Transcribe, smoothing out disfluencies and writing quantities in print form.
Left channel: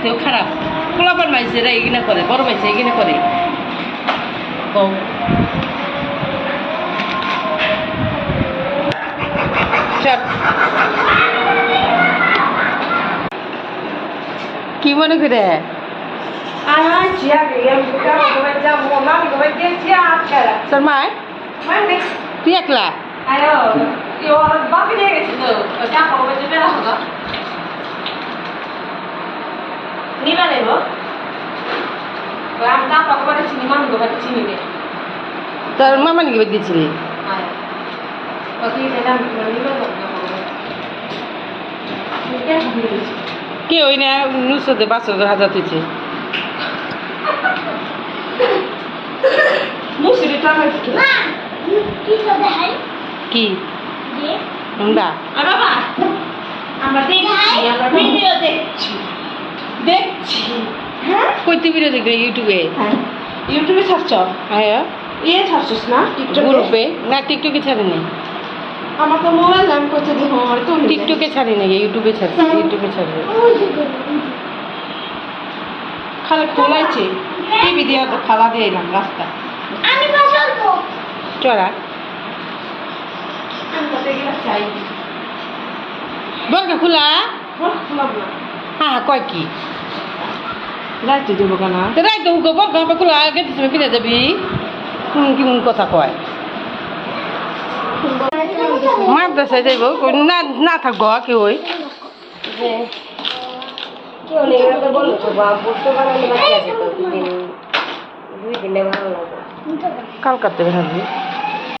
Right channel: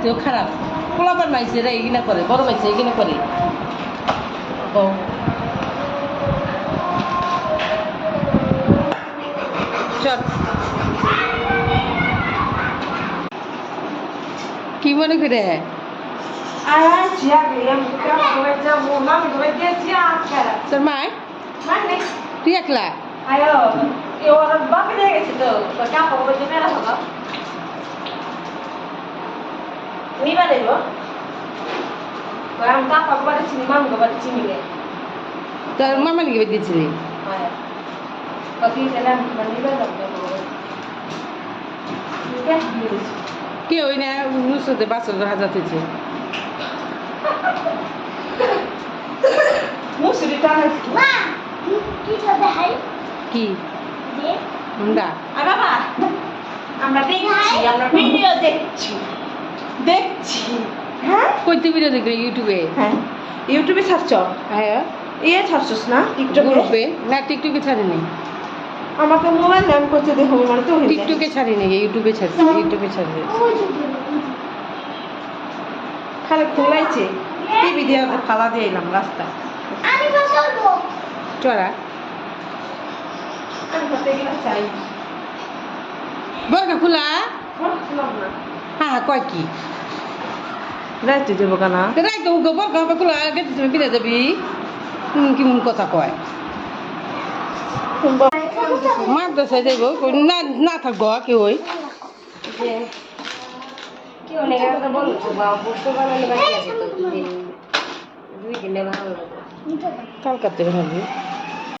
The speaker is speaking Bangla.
জাতীয় খারাপ পোলাপান মাইছেরা এগিনা করে বড় মাইছে এগিনা করে কও চল কি মনে করে তোর মা তুই একলা তোর মামা নাকি বেদ দিয়েছিলি কে ওই না নুসরতে ৫,০০০ হয়েছে কি আমরা দেখছি হ্যাঁ কইতে ভিডিও দেখবে ইউটিউবে ইউটিউবে ছাড়ছ হ্যাঁ ছাড়ছস না গ্রুপে না টিকটকে ছাড়ি নাই আমার তো মোবাইল নাম করতে দেখো আমার তো টিকটকে ছাড়ি নাই ইউটিউবে ছাড়ছি ইউটিউবে ছাড়বে খালি খোলাইছে টিভি দিয়ে ফালা দিয়ে এলাম রাস্তা চড়া বরকা খোলা হ্যাঁ কয় কি রাইতে দেবো কেনা রাই তো উগো বরকা খোলা গেতে তুমি বিনা যাবি কেমন কথা কয় মাদ্রাসায় যাইব না না থাকবো কি ওই কালকাতে ভাবি